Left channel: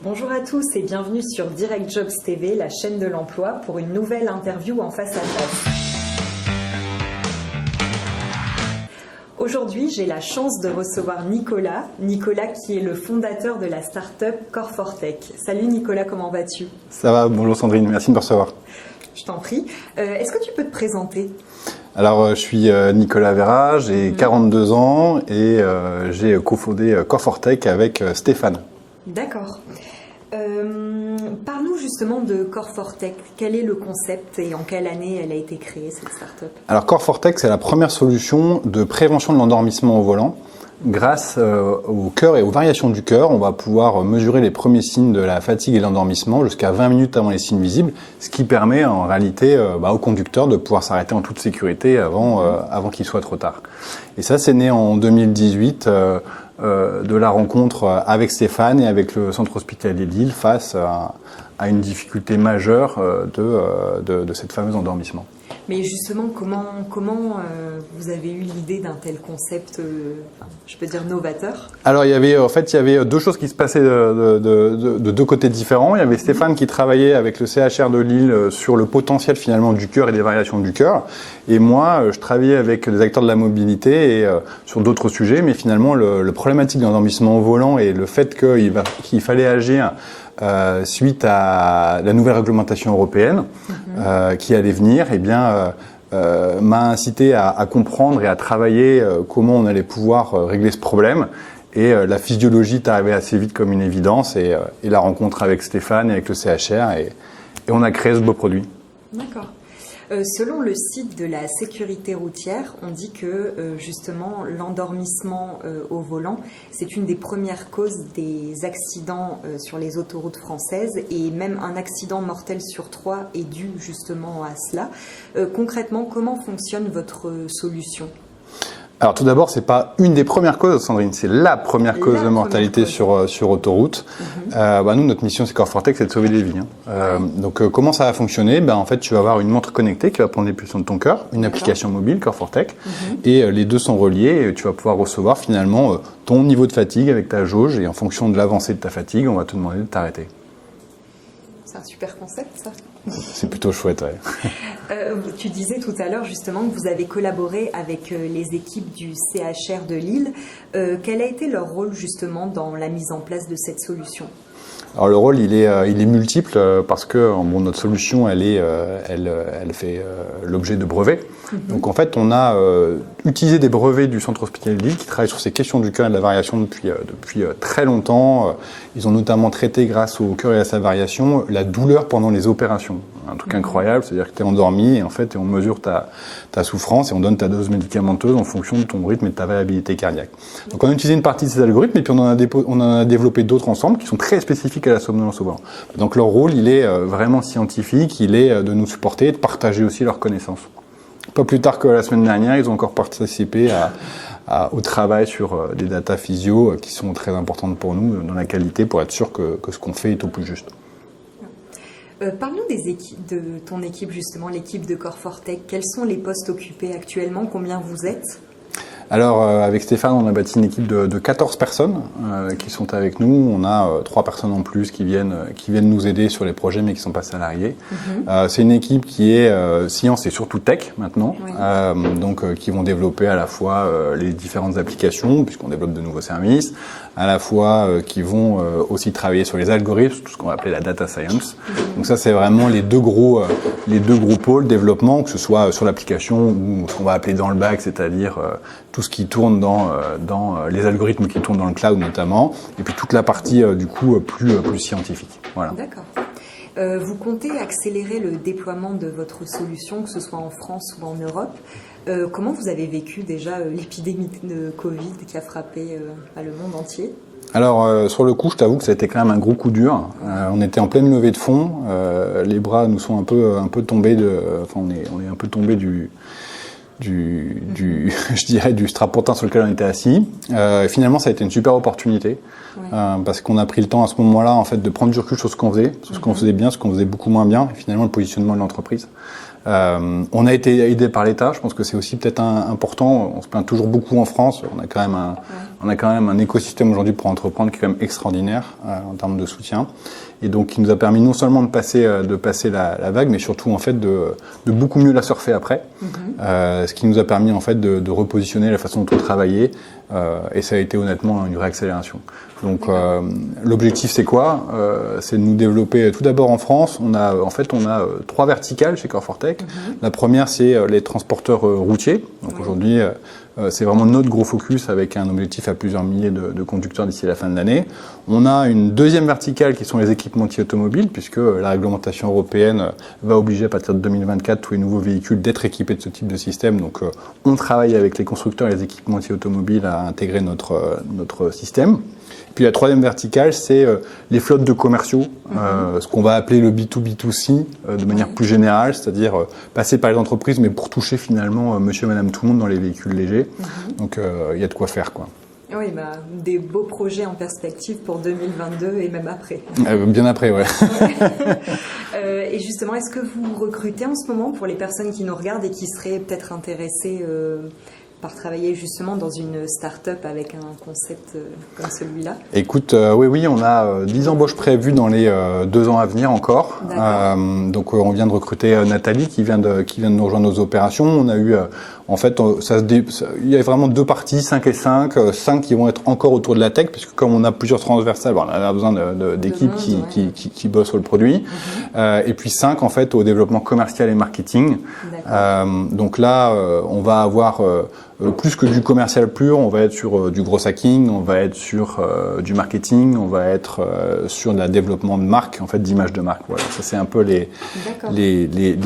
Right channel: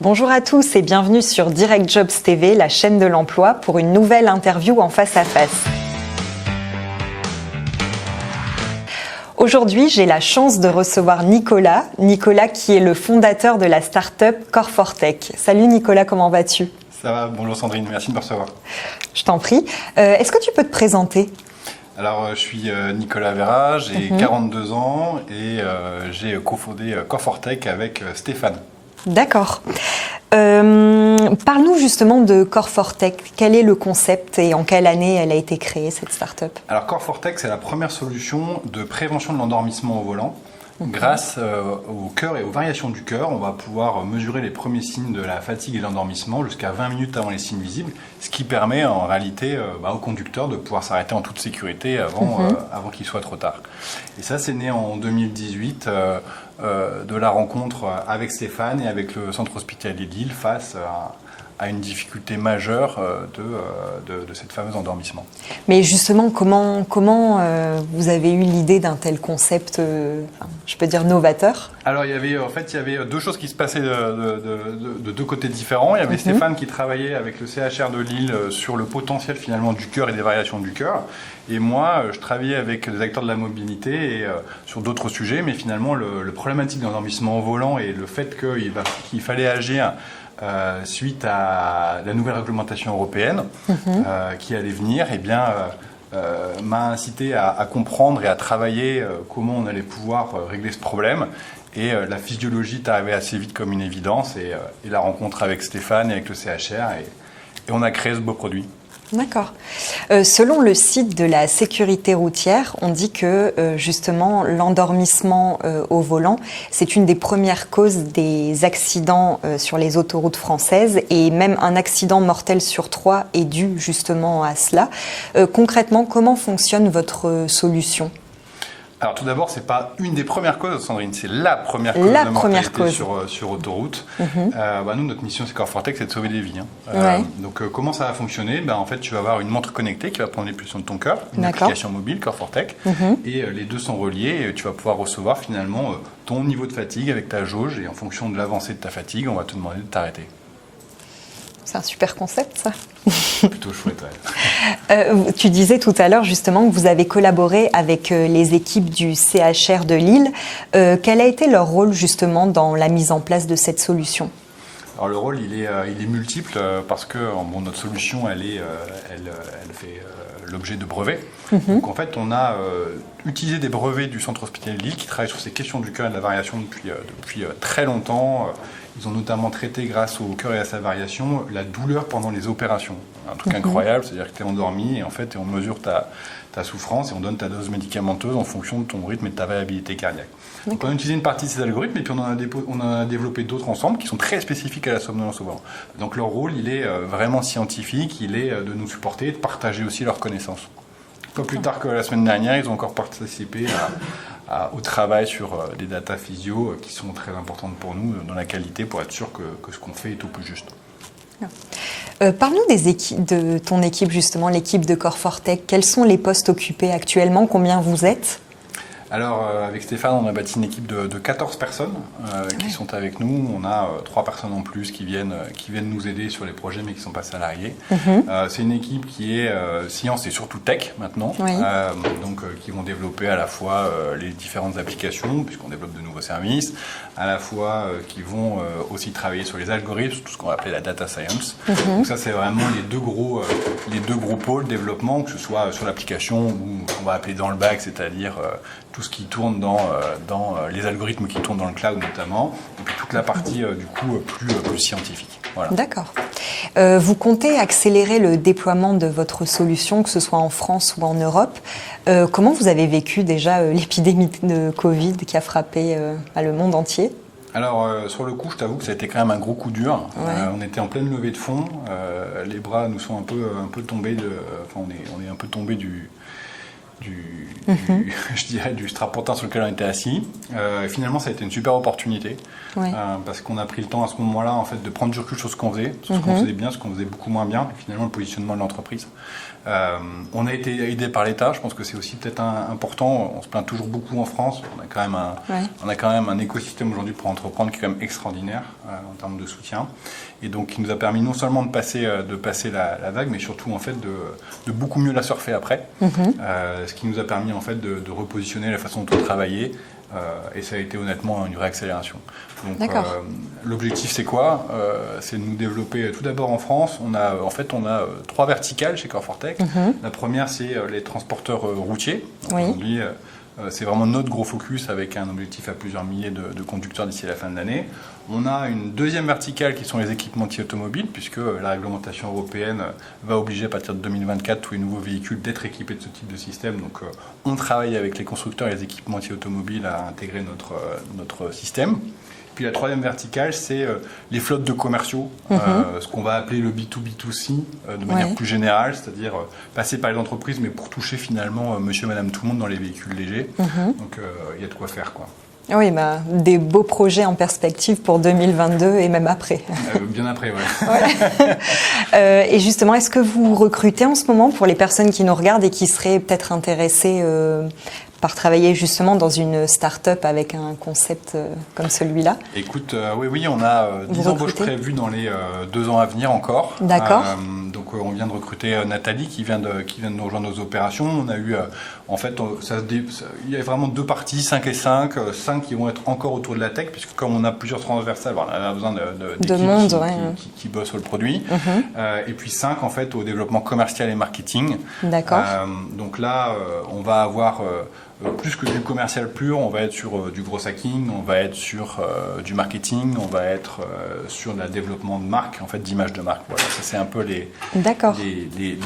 Bonjour à tous et bienvenue sur Direct Jobs TV, la chaîne de l'emploi, pour une nouvelle interview en face à face. Aujourd'hui, j'ai la chance de recevoir Nicolas qui est le fondateur de la start-up Core4Tech. Salut Nicolas, comment vas-tu ? Ça va, bonjour Sandrine, merci de me recevoir. Je t'en prie. Est-ce que tu peux te présenter ? Alors, je suis Nicolas Vera, j'ai 42 ans et j'ai cofondé Core4Tech avec Stéphane. D'accord. Parle-nous justement de Core4Tech. Quel est le concept et en quelle année elle a été créée, cette start-up ? Alors, Core4Tech, c'est la première solution de prévention de l'endormissement au volant. Grâce au cœur et aux variations du cœur, on va pouvoir mesurer les premiers signes de la fatigue et de l'endormissement jusqu'à 20 minutes avant les signes visibles, ce qui permet en réalité au conducteur de pouvoir s'arrêter en toute sécurité avant qu'il soit trop tard. Et ça, c'est né en 2018 de la rencontre avec Stéphane et avec le centre hospitalier de Lille face à une difficulté majeure de cette fameuse endormissement. Mais justement, comment vous avez eu l'idée d'un tel concept, je peux dire novateur ? Alors, il y avait deux choses qui se passaient de deux côtés différents. Il y avait Stéphane qui travaillait avec le CHR de Lille sur le potentiel finalement du cœur et des variations du cœur. Et moi, je travaillais avec des acteurs de la mobilité et sur d'autres sujets. Mais finalement, le problématique de l'endormissement au volant et le fait qu'il fallait agir suite à la nouvelle réglementation européenne qui allait venir, m'a incité à comprendre et à travailler comment on allait pouvoir régler ce problème. Et la physiologie est arrivée assez vite comme une évidence et la rencontre avec Stéphane et avec le CHR et on a créé ce beau produit. D'accord. Selon le site de la sécurité routière, on dit que justement l'endormissement au volant, c'est une des premières causes des accidents sur les autoroutes françaises et même un accident mortel sur 3 est dû justement à cela. Concrètement, comment fonctionne votre solution ? Alors tout d'abord, c'est pas une des premières causes, Sandrine, c'est la première cause de mortalité sur autoroute. Nous, notre mission, c'est Core4Tech, c'est de sauver des vies. Donc comment ça va fonctionner ? En fait, tu vas avoir une montre connectée qui va prendre les pulsions de ton cœur, une application mobile, Core4Tech, et les deux sont reliés et tu vas pouvoir recevoir finalement ton niveau de fatigue avec ta jauge et en fonction de l'avancée de ta fatigue, on va te demander de t'arrêter. C'est un super concept, ça. C'est plutôt chouette, ouais. Tu disais tout à l'heure, justement, que vous avez collaboré avec les équipes du CHR de Lille. Quel a été leur rôle, justement, dans la mise en place de cette solution ? Alors le rôle, il est multiple parce que notre solution, elle fait l'objet de brevets. Donc en fait, on a utilisé des brevets du centre hospitalier de Lille qui travaillent sur ces questions du cœur et de la variation depuis très longtemps. Ils ont notamment traité, grâce au cœur et à sa variation, la douleur pendant les opérations. Un truc incroyable, c'est-à-dire que tu es endormi et en fait, on mesure ta souffrance et on donne ta dose médicamenteuse en fonction de ton rythme et de ta variabilité cardiaque. Donc on a utilisé une partie de ces algorithmes et puis on en a développé d'autres ensemble qui sont très spécifiques à la somnolence au volant. Donc leur rôle, il est vraiment scientifique, il est de nous supporter et de partager aussi leurs connaissances. Pas plus tard que la semaine dernière, ils ont encore participé au travail sur des data physio qui sont très importantes pour nous dans la qualité pour être sûr que ce qu'on fait est au plus juste. Parle-nous de ton équipe, justement, l'équipe de Core4Tech. Quels sont les postes occupés actuellement ? Combien vous êtes ? Alors, avec Stéphane, on a bâti une équipe de 14 personnes qui sont avec nous. On a 3 personnes en plus qui viennent nous aider sur les projets, mais qui ne sont pas salariés. C'est une équipe qui est science et surtout tech maintenant, qui vont développer à la fois les différentes applications, puisqu'on développe de nouveaux services, à la fois qui vont aussi travailler sur les algorithmes, tout ce qu'on va appeler la data science. Donc ça, c'est vraiment les deux gros pôles développement, que ce soit sur l'application ou ce qu'on va appeler dans le back, c'est-à-dire tout ce qui tourne dans les algorithmes qui tournent dans le cloud notamment, et puis toute la partie plus scientifique. Voilà. D'accord. Vous comptez accélérer le déploiement de votre solution, que ce soit en France ou en Europe. Comment vous avez vécu déjà l'épidémie de Covid qui a frappé le monde entier ? Alors sur le coup, je t'avoue que ça a été quand même un gros coup dur. On était en pleine levée de fonds, les bras nous sont un peu tombés on est un peu tombé je dirais du strapontin sur lequel on était assis. Finalement, ça a été une super opportunité parce qu'on a pris le temps à ce moment-là en fait de prendre du recul sur ce qu'on faisait, sur ce qu'on faisait bien, ce qu'on faisait beaucoup moins bien, et finalement le positionnement de l'entreprise. On a été aidé par l'État, je pense que c'est aussi peut-être important. On se plaint toujours beaucoup en France. On a quand même un écosystème aujourd'hui pour entreprendre qui est quand même extraordinaire en termes de soutien. Et donc, qui nous a permis non seulement de passer la vague, mais surtout en fait de beaucoup mieux la surfer après. Ce qui nous a permis en fait de repositionner la façon dont on travaillait. Et ça a été honnêtement une vraie accélération. Donc l'objectif c'est quoi? C'est de nous développer tout d'abord en France. On a 3 verticales chez Core4Tech. La première c'est les transporteurs routiers. Donc, aujourd'hui c'est vraiment notre gros focus avec un objectif à plusieurs milliers de conducteurs d'ici la fin de l'année. On a une deuxième verticale qui sont les équipementiers automobiles, puisque la réglementation européenne va obliger à partir de 2024 tous les nouveaux véhicules d'être équipés de ce type de système. Donc on travaille avec les constructeurs et les équipementiers automobiles à intégrer notre système. Puis la troisième verticale, c'est les flottes de commerciaux, ce qu'on va appeler le B2B2C de manière plus générale, c'est-à-dire passer par les entreprises, mais pour toucher finalement monsieur, madame, tout le monde dans les véhicules légers. Donc il y a de quoi faire, quoi. Oui, des beaux projets en perspective pour 2022 et même après. Bien après, ouais. Et justement, est-ce que vous recrutez en ce moment pour les personnes qui nous regardent et qui seraient peut-être intéressées par travailler justement dans une start-up avec un concept comme celui-là? Écoute, oui, on a 10 embauches prévues dans les 2 ans à venir encore. D'accord. Donc on vient de recruter Nathalie qui vient de nous rejoindre nos opérations. On a eu, en fait, il y a vraiment 2 parties, 5 et 5. 5 qui vont être encore autour de la tech, puisque comme on a plusieurs transversales, on a besoin d'équipes qui bossent sur le produit. Et puis 5 en fait au développement commercial et marketing. D'accord. Donc là, on va avoir plus que du commercial pur, on va être sur du gros hacking, on va être sur du marketing, on va être sur le développement de marque, en fait d'image de marque. Voilà, ça c'est un peu les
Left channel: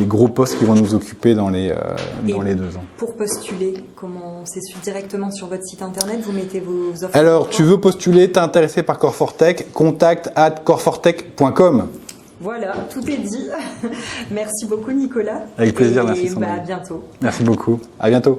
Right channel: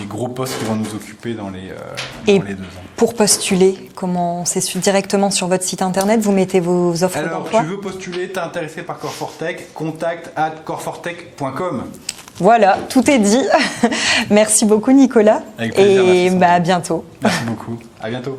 gros postes qui vont nous occuper dans les 2 ans. Pour postuler, comment c'est directement sur votre site internet, vous mettez vos offres? Alors, tu veux postuler, t'es intéressé par Core4Tech, contact@core4tech.com. Voilà, tout est dit. Merci beaucoup Nicolas. Avec plaisir, et merci. À bientôt. Merci beaucoup, à bientôt.